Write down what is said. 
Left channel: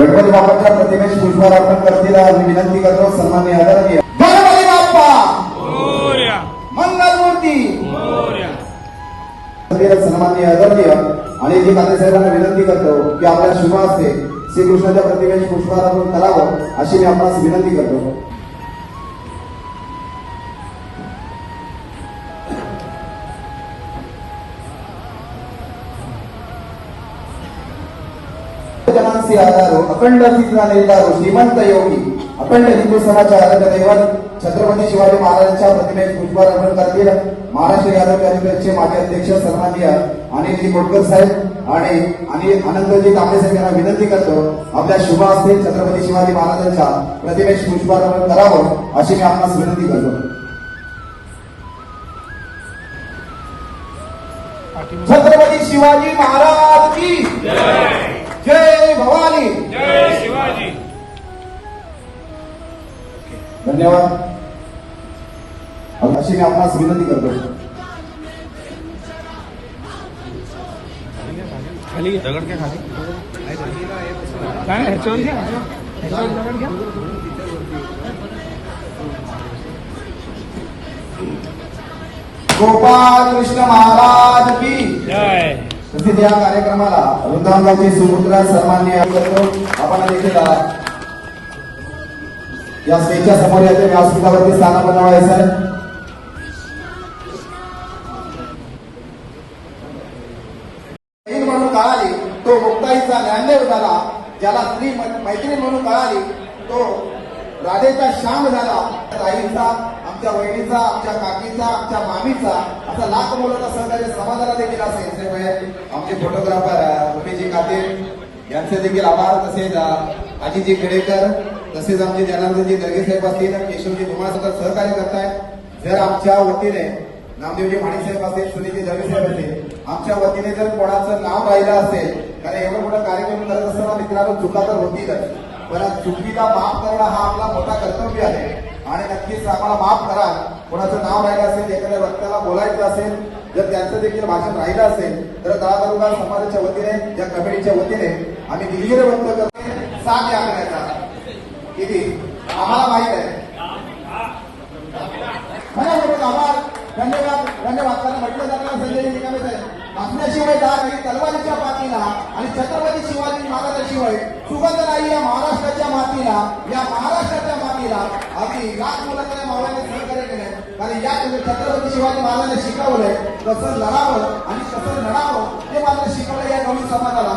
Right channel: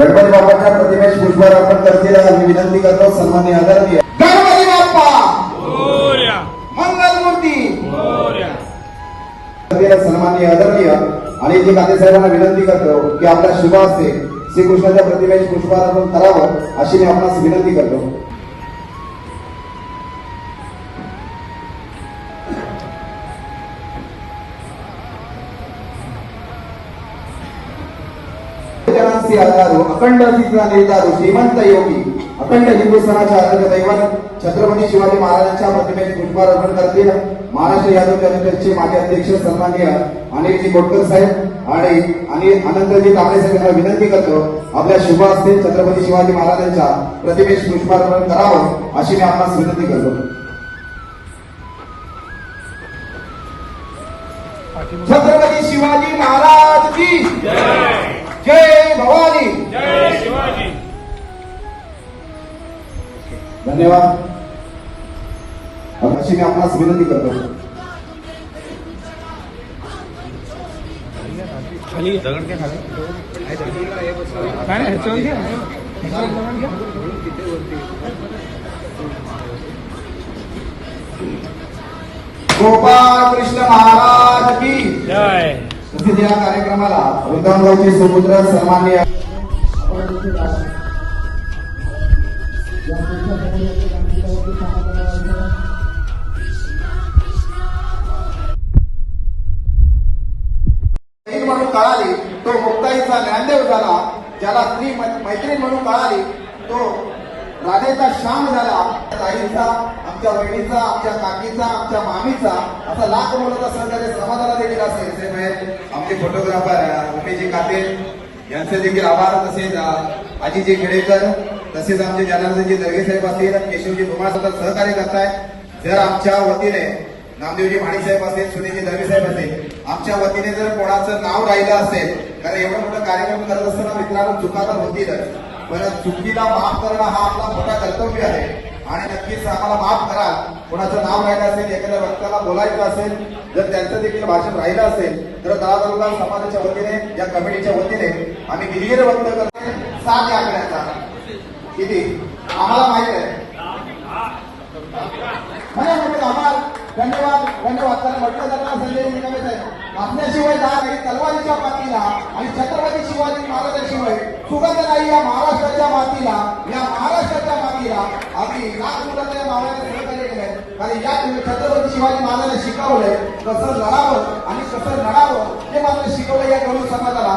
गणपती बाप्पाच्या प्रतिमेस पुष्पार्पण करतील मी विनंती करतो. सन्माननीय आदरणीय गणपती बाप्पा मोरया, मंगलमूर्ती मोरया. सन्माननीय आदरणीय आणि जी साहेबांना विनंती करतो की आपल्या शुभ हस्ते श्रीकृष्णाच्या प्रतिमेस पुष्पार्पण करावं अशी मी आपणास विनंती करतो. जनांचे आधारो अखंड अस्तित्व नेतारो श्रीमंत योगी अखंड हिंदू समाजाचे आराध्य दैवत छत्रपती शिवाजी महाराजांच्या प्रतिमेस पुष्पार्पण करतील महाराष्ट्र यादव जनतेचे माजी अध्यक्ष सन्माननीय अनिलजी कोटकर साहेब आणि आनंदजी तांबे साहेब यांना विनंती करतो आपल्या शुभ हस्ते छत्रपती शिवाजी महाराजांच्या प्रतिमेस पुष्पार्पण करावं अशी मी आपणास विनंती करतो. छत्रपती शिवाजी महाराज की जय. जय भवानी, जय शिवाजी. धन्यवाद. अशी मी आपणास विनंती करतो. खाली दगड क्या खाली काय ह्याच्यावर घ्या दगड घ्या. गोपाळ कृष्ण महाराज की जय. तसेच या कार्यक्रमाला वृंदावनगावचे सुपुत्र सन्माननीय आपण देखील या स्टेजच्या समोर याच्या व्यासपीठावरती स्थान बनवायचं. म्हणून कळाली तो मुक्ताईचा ज्ञानदेव झाला, ज्याला स्त्री मैत्रीण म्हणून कळाली तो राधेचा श्याम झाला. ताईचा, आमच्या वहिनीचा, आमच्या काकीचा, आमच्या मामीचा असा लाख मुलाचा सहकार्य समाजाला देखील असेल. आमचे फोटोग्राफर रुपेजी कातील यांचे देखील आभार. तसेच आजीजी खेडेकर, तसेच आमचे जनार्दनजी दर्गे साहेब असतील, केशवजी भुमाळ सहकार्य करतायत. जर आमच्या वतीने नामदेवजी भाणी साहेब असेल, सुनीलजी दर्गे साहेब असेल, आमच्या वतीने जर कोणाचं नाव राहिलं असेल, कारण एवढा मोठा कार्यक्रम करत असताना मित्रांनो चुका तर होतीलच, पण चुकीला माफ करणं हा आपला मोठा कर्तव्य आहे आणि नक्कीच आम्हाला माफ करा. कोणाचं नाव राहिलं असेल, एखाद्या वक्त्याला बोलायचं असेल, जर त्यांचं देखील भाषण राहिलं असेल तर दादा समाजाच्या वतीने, या कमिटीच्या वतीने आम्ही विहीर वक्तव्य करतो. 7 आकड्याचा किती आम्हाला माहित आहे. आभार, धन्यवाद. धन्यवाद. कारण म्हटलं जाणार संजय निकमे साहेब मागण्याशिवाय दहा नाही, तलवारीच्या मातीला आणि छत्रपती शिवाजी महाराजांशिवाय सुगंध नाही या महाराष्ट्राच्या मातीला. या महाराष्ट्राच्या मातीला अगदी लाख मुलांच्या मावळ्याने सहकार्य केलंय. कारण या छत्रपती शिवाजी महाराजांनी शिकवलंय कसं लढावं आणि कसं लढावं हे मला शिकवलं या नवीन समाजाला.